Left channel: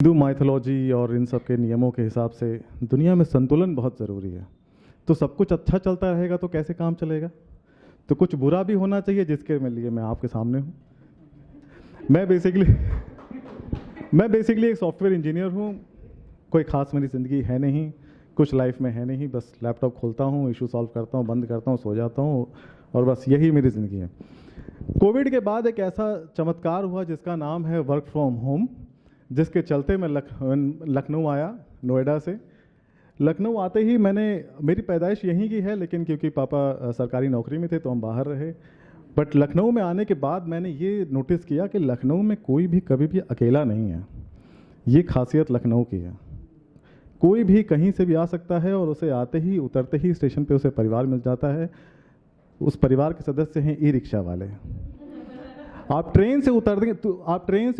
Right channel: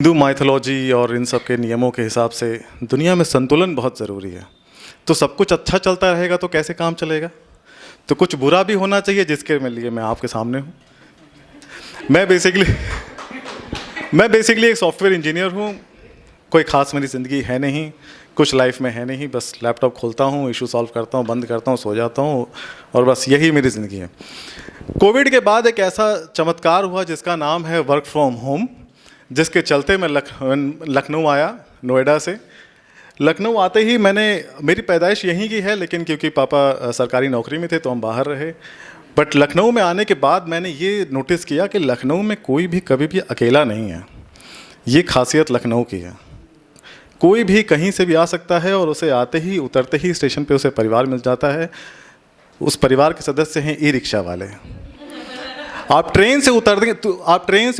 Hindu mythology और इन सब के नियमों के हिसाब से दुनिया में संतुलन बहुत ज़रूरी है। तो सब कुछ अच्छा चलता रहेगा तो कैसे काम चलेगा? तो कुछ बुरा भी होना चाहिए जिसके लिए मैं आपके सामने हूँ। मैं बेसिकली एक सॉफ्टवेयर इंजीनियर हूँ। कोई ख़ास मेरी ज़िंदगी है नहीं, कुछ लाइफ में है नहीं, बस लैपटॉप खोलता हूँ, इशू सॉल्व करता हूँ, बंद करता हूँ, सो जाता हूँ और बस यही मेरी ज़िंदगी है। कोविड के बाद एक ऐसा चमत्कार हुआ जिसका नाम है वर्क फ्रॉम होम, जिसके चलते मैं लखनऊ आया, नोएडा से। लखनऊ आते ही मेरी पैदाइश यहीं की है, लेकिन क्योंकि पापा सरकारी नौकरी में थे तो हम बाहर रहे। बट लखनऊ में आने के बाद मैंने ये नोटिस किया कि लखनऊ में कोई भी कभी भी अकेला नहीं है। ये खासियत लखनऊ की है। कोई भी कहीं से भी आ सकता है और उसे आते ही उतरते ही स्टेशन पे उसे परिवार मिल जाता है। उस परिवार के सदस्य हैं ई रिक्शा वाले। आप ट्रेन से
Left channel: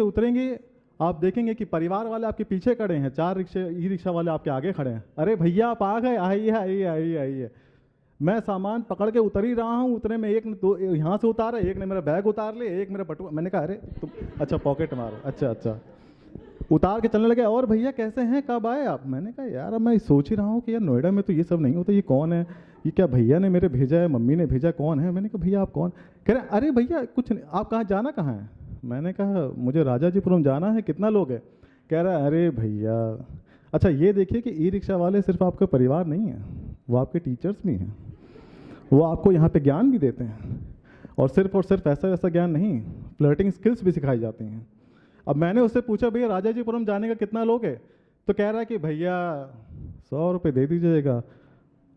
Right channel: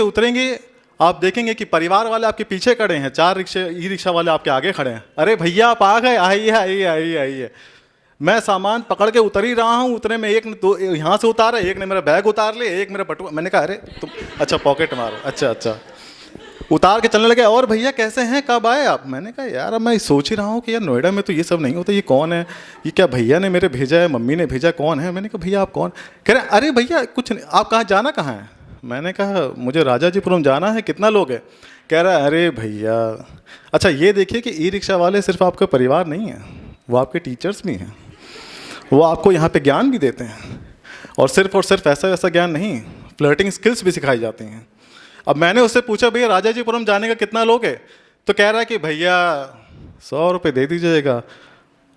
उतरेंगे, आप देखेंगे कि परिवार वाले आपके पीछे खड़े हैं, 4 ई रिक्शा वाले आपके आगे खड़े हैं। अरे भैया आप आ गए, आइए आइए आइए आइए। मैं सामान पकड़ के उतर ही रहा हूँ, उतने में एक ने तो यहाँ से उतारा, एक ने मेरा बैग उतार ले, एक मेरा बटुआ। मैंने कहा अरे तुम अच्छा पॉकेट मारो, अच्छा उतार के चलने लगे। और भैया कैसे हैं, कब आए आप? मैंने कहा यार अब मैं सोच ही रहा हूँ कि यार नोएडा में तो ये सब नहीं होता, ये कौन है, ये क्या भैया ने मेरे भेजा है, मम्मी ने भेजा, कौन है? मैंने कहा भैया आप कौन? कह रहे अरे भैया कुछ नहीं, आप कहाँ, जाना कहाँ है? मैंने कहा मुझे राजाजीपुरम जाना है, कितना लोग हैं? कह रहा है अरे भैया अच्छा ये देखिए कि ई रिक्शा वाले सिर्फ आपका परिवार नहीं है, वो आपके टीचर्स भी हैं, वो आपको यहाँ पे ज्ञान भी देते हैं। और सिर्फ ऐसा ज्ञान नहीं, फ्लर्टिंग स्किल्स भी सिखाई जाती हैं। अब मैंने उससे पूछा भैया राजाजीपुरम जाने का कितना लोग है? तो कह रहा है कि भैया 100 रुपये दे दीजिएगा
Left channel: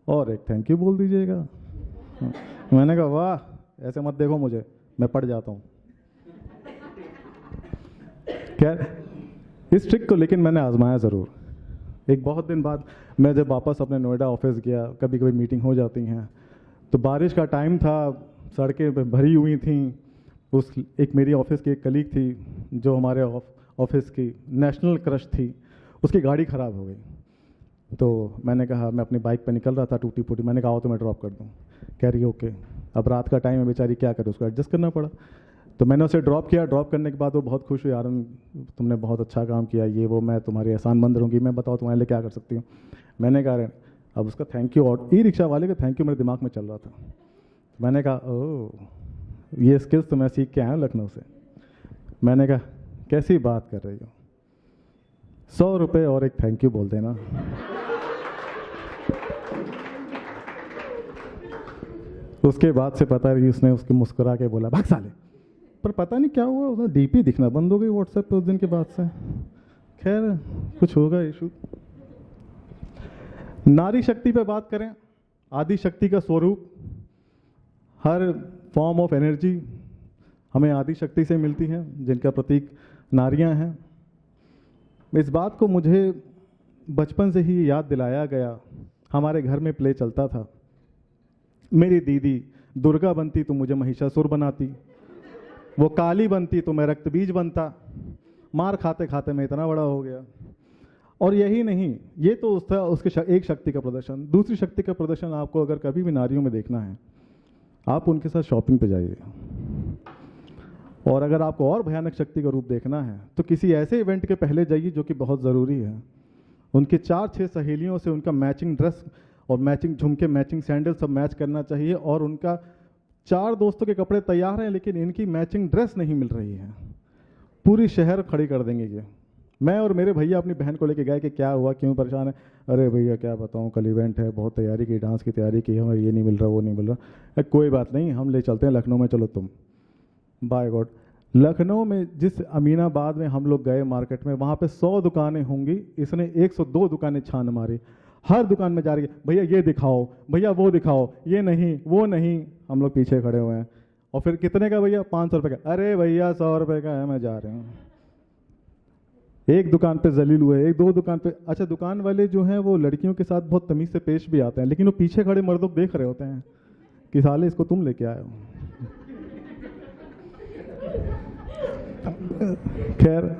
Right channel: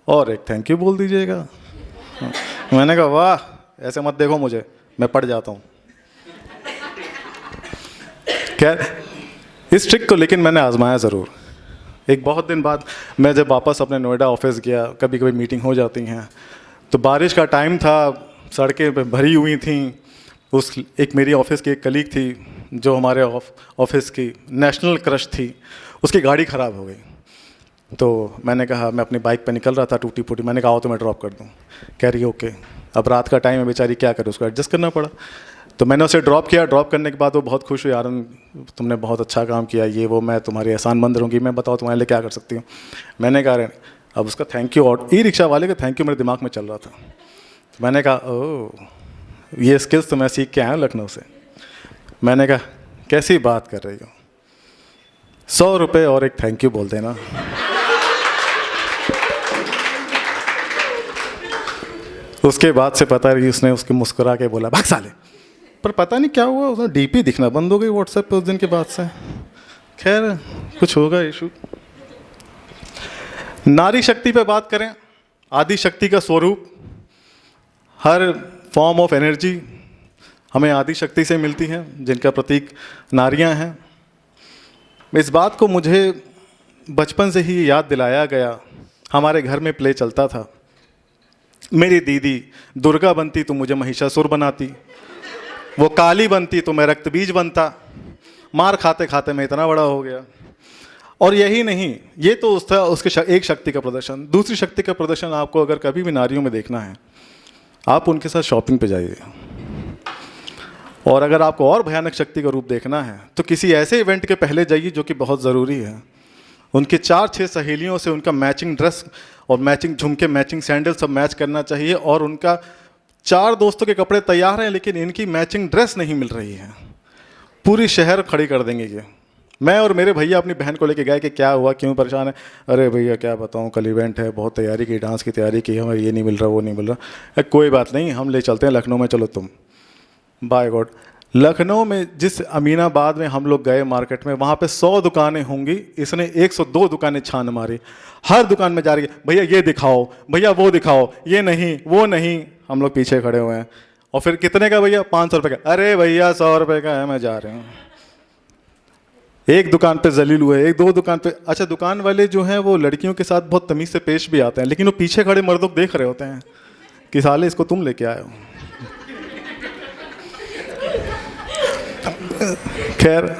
और एक थैंक यू बोल दीजिएगा। मैंने कहा वाह, ऐसे मत देखो मुझे, मैं पड़ जाता हूँ। खैर इस ट्रिक को लेकिन मैंने आजमाया ज़रूर। एक बहुत दिन बाद मैं जब वापस अपने नोएडा ऑफिस गया, कभी कभी मीटिंग हो जाती हैं, तो बारिश का टाइम था, सड़कें भरी हुई थीं। एक मेरी ऑफिस की एक कलीग थी जो हमारे ऑफिस की नेशनल क्रश थी, उसकी गाड़ी ख़राब हो गई। तो मैंने कहा, मैं अपनी बाइक पे निकल रहा था टूटी फूटी, मैंने कहा आओ तो मैं ड्रॉप कर दूँ। कह रही ओके। अब रात का टाइम है, बेचारी क्या करे, उसको एडजस्ट करना पड़ा। तो मैंने उसे ड्रॉप किया। ड्रॉप करने के बाद वो बहुत खुश हुई, आरन तुमने बहुत अच्छा काम किया, ये वो, मैं तुम्हारी एहसानमंद रहूँगी, मैं बताओ तुम्हारे लिए क्या कर सकती हूँ। मैंने कहा अब उसका थैंक यू, और ई रिक्शा वाले का थैंक यू मेरे दिमाग में चल रहा था। तो मैंने कहा ओह ये स्किल्स तो मैं सीख के आया हूँ लखनऊ से। मैंने कहा कैसी बात कर रही हो, 100 रुपये और एक थैंक यू बोल देना। उसके बाद से पता नहीं उसने उसके मुस्कुरा के बोला भाग साले। पर पता नहीं क्या हुआ, उसने डीपी दिखना बंद हो गई व्हाट्सएप पे उस दिन के बाद से। खैर कुछ होगा इशू। नारी शक्ति पे बात करें, आदि शक्ति का स्वरूप, हर फॉर्म ऑफ एनर्जी हमें आदि शक्ति से मिलती है, जिनका प्रतीक नारियां हैं। इस बात को मुझे बचपन से ही याद दिलाया गया। हमारे घर में प्ले चलता था, मेरी दीदी दुर्गा बनती तो मुझे महिषासुर बनाती, वो काली बनती तो मैं रक्तबीज बनता। मार खाते खाते मैं इतना बड़ा हो गया। और यही नहीं, ये तो उसके एक शक्ति का प्रदर्शन। दूसरी शक्ति का प्रदर्शन आपको अगर कभी भी नारियों में देखना है, आप उनके साथ शॉपिंग पे जाइए। और अगर आपको और भयानक शक्ति का रूप देखना है तो किसी ऐसे इवेंट के पहले जाइए जो कि बहुत ज़रूरी है। उनके 4-6 सहेलियों से उनका मैचिंग ड्रेस और मैचिंग झुमके, मैचिंग सैंडल सब मैच करना चाहिए। और उनका 4 दोस्तों के कपड़े तैयार हैं लेकिन इनकी मैचिंग ड्रेस नहीं मिल रही है, पूरी शहर खड़ी कर देंगे ये। मैं और मेरे भैया अपनी बहन को लेके गए कि क्या हुआ, क्यों परेशान है? अरे भैया क्या बताऊं, कल इवेंट है, बहुत तैयारी की, डांस की तैयारी की, हमें ये नहीं मिल रहा, वो नहीं मिल रहा। कोई बात नहीं, हम ले चलते हैं लखनऊ में, चलो तुम। बाय गॉड, लखनऊ में जिस अमीनाबाद में हम लोग गए मार्केट में, वहाँ पे 100 दुकानें होंगी, इसने 102 दुकानें छान मारी। हर दुकान में जा रही है, भैया ये दिखाओ, भैया वो दिखाओ, ये नहीं वो नहीं। हम लोग पीछे खड़े हुए हैं। और फिर कितने का भैया? 500 रुपये का। अरे भैया 100 रुपये का है, मैं जा रही हूँ। एक दुकान पे जलील हुए, एक दो दुकान पे। अच्छा दुकान वाले जो हैं वो लड़कियों के साथ बहुत तमीज़ से पेश भी आते हैं, लेकिन वो पीछे खड़े मर्दों को देख रहे होते हैं कि साले इसको तुम लेके आए हो। खैर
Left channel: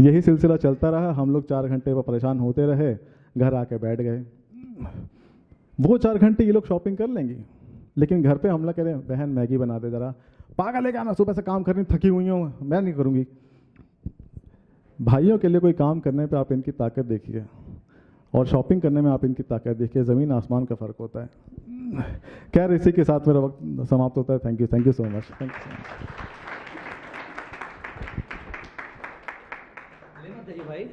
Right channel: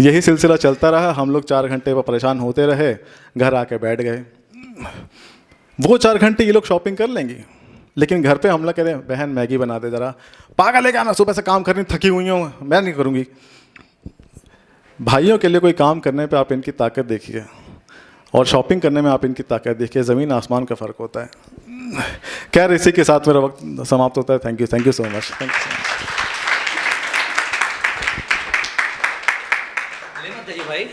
यही सिलसिला चलता रहा। हम लोग 4 घंटे पर परेशान होते रहे, घर आके बैठ गए। वो 4 घंटे ये लोग शॉपिंग कर लेंगी, लेकिन घर पे हमला करें, बहन मैगी बना दे ज़रा। पागल है क्या, मैं सुबह से काम करनी, थकी हुई हूँ, मैं नहीं करूँगी। भाइयों के लिए कोई काम करने पे आप इनकी ताकत देखिए, और शॉपिंग करने में आप इनकी ताकत देखिए, ज़मीन आसमान का फ़र्क होता है। खैर, इसी के साथ मेरा वक्त समाप्त होता है। Thank you so much, thank you so much. भाई